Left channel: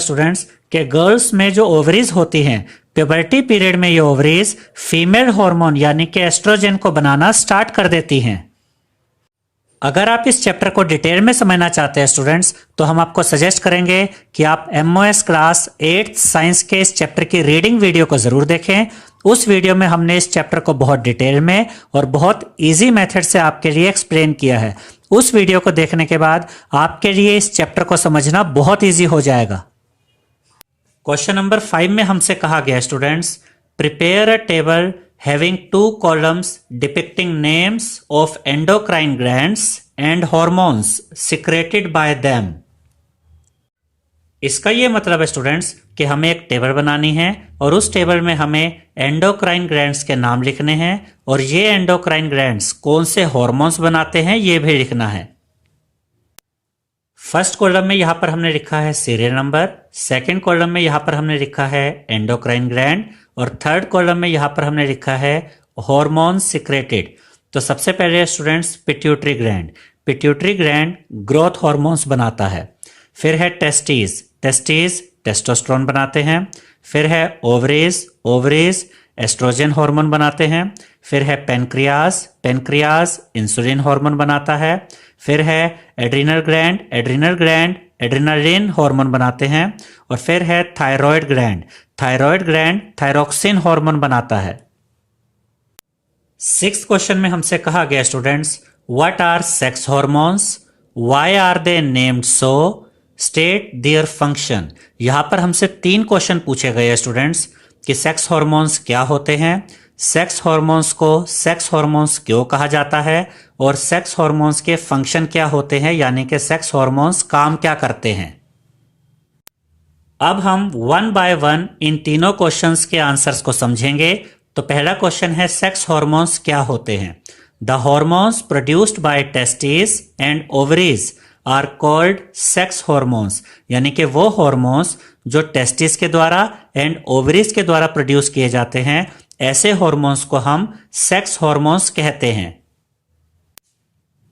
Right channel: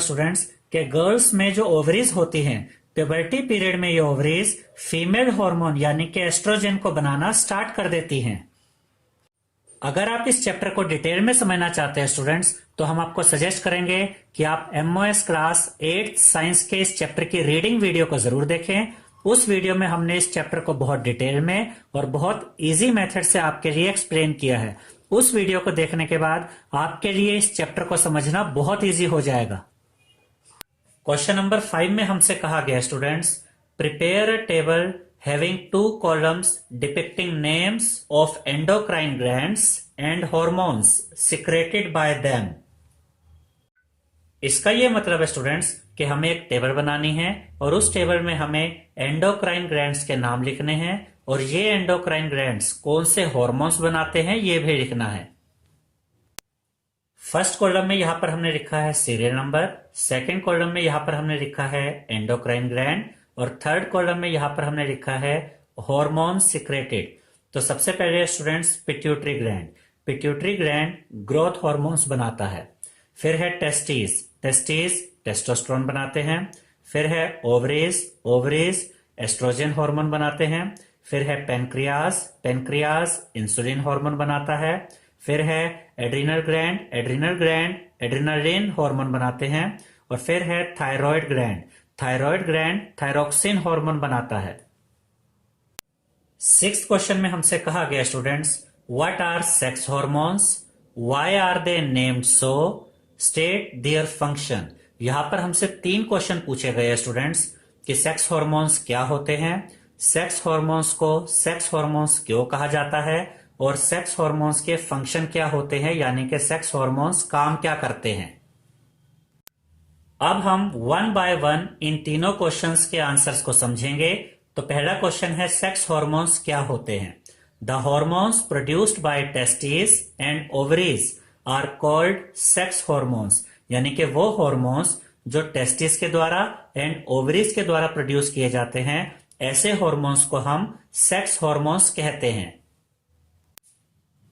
Students के girls में जो ओवरीज होती हैं, प्यूबर्टी पीरियड में ये ओवरीज फीमेल हार्मोन यानी कि एस्ट्रोजन को बनाना स्टार्ट कर देती हैं। अगर आप इस चैप्टर को डिटेल में समझना चाहते हैं स्टूडेंट्स, तो हम आपको सजेस्ट करेंगे कि आप MOS क्लास 8th साइंस के इस चैप्टर की रीडिंग वीडियो को जरूर देखें। उस वीडियो में हमने इस चैप्टर को बहुत डिटेल में और बहुत इजी मेथड से आपके लिए एक्सप्लेन किया है। उस वीडियो को देखने के बाद आपके लिए इस चैप्टर को समझना बहुत इजी हो जाएगा। क्वेश्चन नंबर 5 में हमसे कहा गया students, prepare a table having 2 columns depicting names of endocrine glands and hormones secreted by them। इसका यह मतलब है स्टूडेंट्स कि हमें एक टेबल बनानी है और उस टेबल में हमें एंडोक्राइन ग्लैंड्स के नाम लिखने हैं और ये एंडोक्राइन ग्लैंड्स कौन से हॉर्मोन्स बनाते हैं ये भी लिखना है। फर्स्ट कॉलम में यहां पर हमने लिखा है सीरियल नंबर, सेकंड कॉलम में यहां पर हमने लिखा है एंडोक्राइन ग्लैंड और थर्ड कॉलम में यहां पर हमने लिखा है हार्मोन सिक्रेटेड। तो सबसे पहले students pituitary gland, pituitary gland growth hormones बनाता है। फिर है टेस्टिस, टेस्टिस टेस्टोस्टेरोन बनाते हैं। फिर है ओवरीज, ओवरीज एस्ट्रोजन हार्मोन बनाते हैं। फिर है पेनक्रियास, पेनक्रियास इंसुलिन हार्मोन बनाता है। फिर है adrenal gland, adrenal gland adrenaline hormone बनाते हैं। और फिर है thyroid gland, thyroid gland thyroxine hormone बनाता है। 6th क्वेश्चन में हमसे कहा गया students, what are sex hormones, why are they named so, state their function. यहां पर हमसे 3 क्वेश्चन पूछे गए स्टूडेंट्स कि सेक्स हार्मोन्स क्या होते हैं, सेक्स हार्मोन्स को सेक्स हार्मोन्स क्यों कहा जाता है और सेक्स हार्मोन्स के फंक्शन क्या होते हैं, यानी कि सेक्स हार्मोन्स काम क्या करते हैं। अब हम 1 बाय 1 इन तीनों क्वेश्चंस के आंसर्स को समझेंगे। तो पहला क्वेश्चन है सेक्स हार्मोन्स क्या होते हैं। The hormones produced by testis and ovaries are called sex hormones, यानी कि वो हार्मोन्स जो टेस्टिस के द्वारा एंड ओवरीज के द्वारा प्रोड्यूस किए जाते हैं, ऐसे हार्मोन्स को हम सेक्स हार्मोन्स कहते हैं।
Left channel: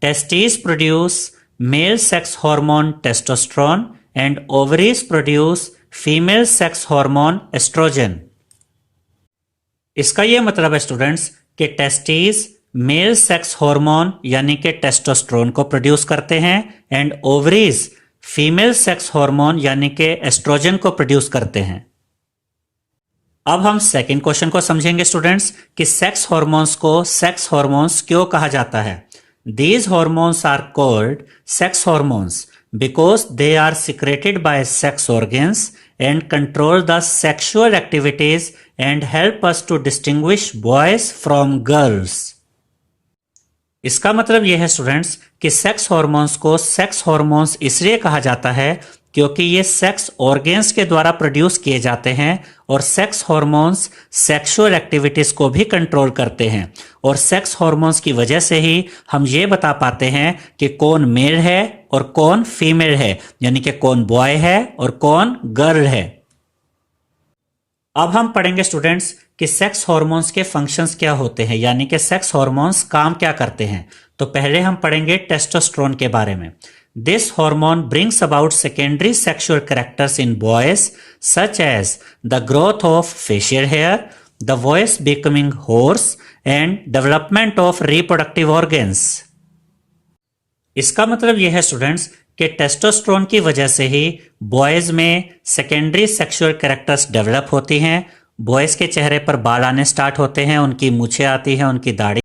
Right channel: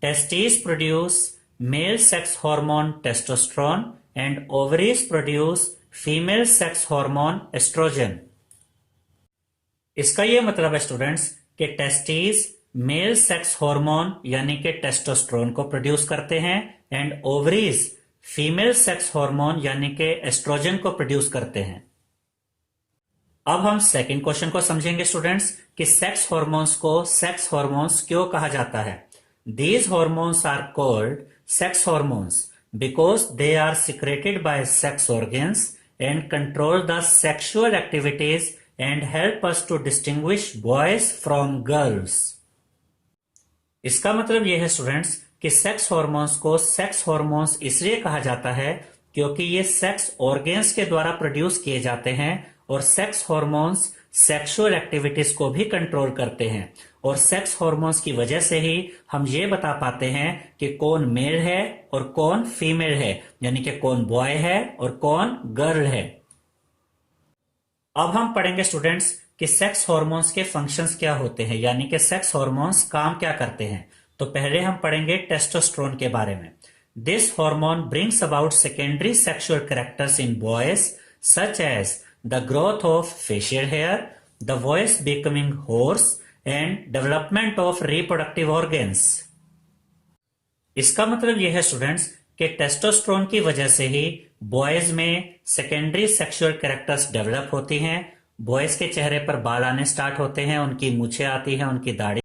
Testis produce male sex hormone testosterone and ovaries produce female sex hormone oestrogen. इसका यह मतलब है स्टूडेंट्स कि टेस्टिस मेल सेक्स हार्मोन यानी कि टेस्टोस्टेरोन को प्रोड्यूस करते हैं and ovaries female sex hormone यानी कि एस्ट्रोजन को प्रोड्यूस करते हैं। अब हम सेकंड क्वेश्चन को समझेंगे स्टूडेंट्स कि सेक्स हार्मोन्स को सेक्स हार्मोन्स क्यों कहा जाता है। These hormones are called sex hormones because they are secreted by sex organs and control the sexual activities and help us to distinguish boys from girls। इसका मतलब यह है स्टूडेंट्स कि सेक्स हार्मोन्स को सेक्स हार्मोन्स इसलिए कहा जाता है क्योंकि ये सेक्स ऑर्गेन्स के द्वारा प्रोड्यूस किए जाते हैं और सेक्स हार्मोन्स सेक्सुअल एक्टिविटीज को भी कंट्रोल करते हैं और सेक्स हार्मोन्स की वजह से ही हम ये बता पाते हैं कि कौन मेल है और कौन फीमेल है, यानी कि कौन बॉय है और कौन गर्ल है। अब हम पढ़ेंगे स्टूडेंट्स कि सेक्स हार्मोन्स के फंक्शंस क्या होते हैं, यानी कि सेक्स हार्मोन्स काम क्या करते हैं। तो पहले हम पढ़ेंगे टेस्टोस्टेरोन के बारे में। This hormone brings about secondary sexual characters in boys such as the growth of facial hair, the voice becoming hoarse and development of reproductive organs। इसका मतलब यह है स्टूडेंट्स कि टेस्टोस्टेरोन की वजह से ही बॉयज में सेकेंडरी सेक्सुअल कैरेक्टर्स डेवलप होती हैं। बॉयज के चेहरे पर बाल आने स्टार्ट होते हैं, उनकी मूछें आती हैं, उनकी दाढ़ी